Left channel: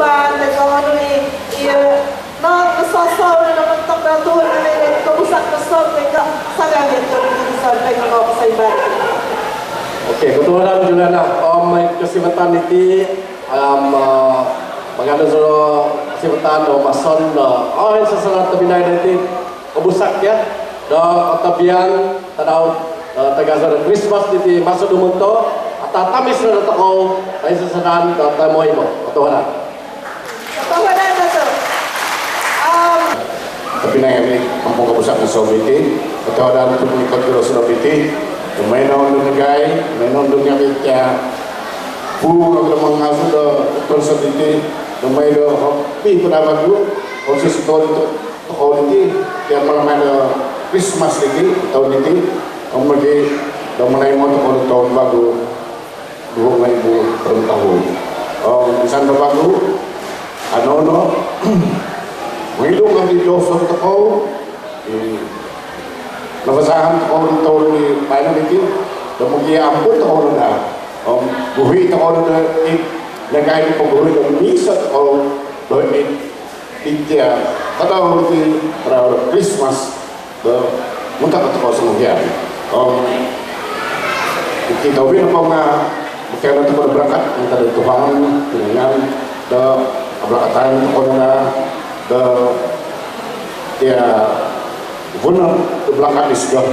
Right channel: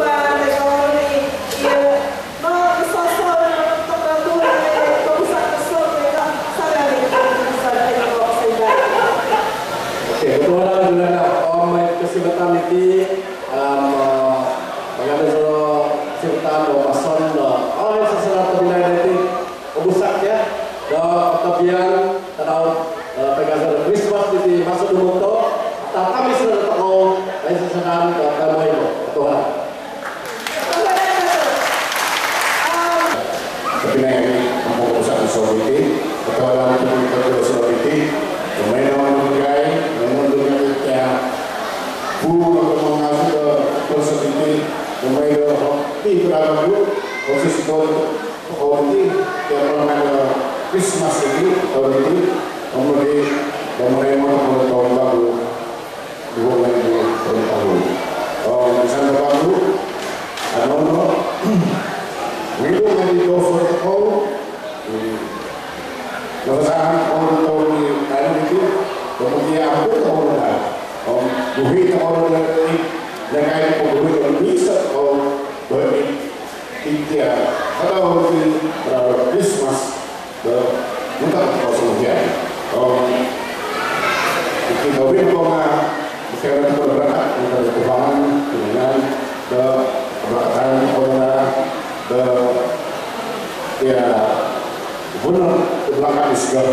ba nagawin ni no nasasaw na temperatura na kausap na sol kaya sa langit sa tayo sa iba. Okay, kebetulan juga na may kesempatan ini maganda sa kesempatan o mason sa sangat binay natin ubusak ya do tabian tanaw taga Christmas diti masuk dumunto at tamis na tao ay sasanan do kamoy mo kebetulan. Binay ini kampung ubusak ng Sovieti kebetulan itu pagkiro sa Sovieti Mainan lumagay, mainan lumagay kaya puro ng mga aso person dito lumay do hopi pada bagu proses tahun ini kaya malam Christmas ini tahun ini kemudian domai mo tahun baru 2000 tahun. Misalnya baru ano wilong ang offer ko nabasahan ko ng taon ni tayo dito, kemudian ampun taon na, buhi taon na nagay ko buhi ng misat o buhi tiga, atau di Christmas, muntah ko sa mga kita rin ako nga kaya ito berangkat dari Tuhan dengan keberangkatan ko na ya benar belakang isgah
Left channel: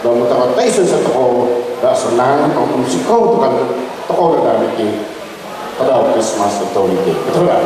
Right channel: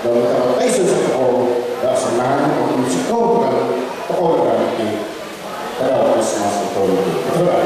dan betapa taisen sa toko dah senang ang musikaw kan toko na pada Christmas ito betul kan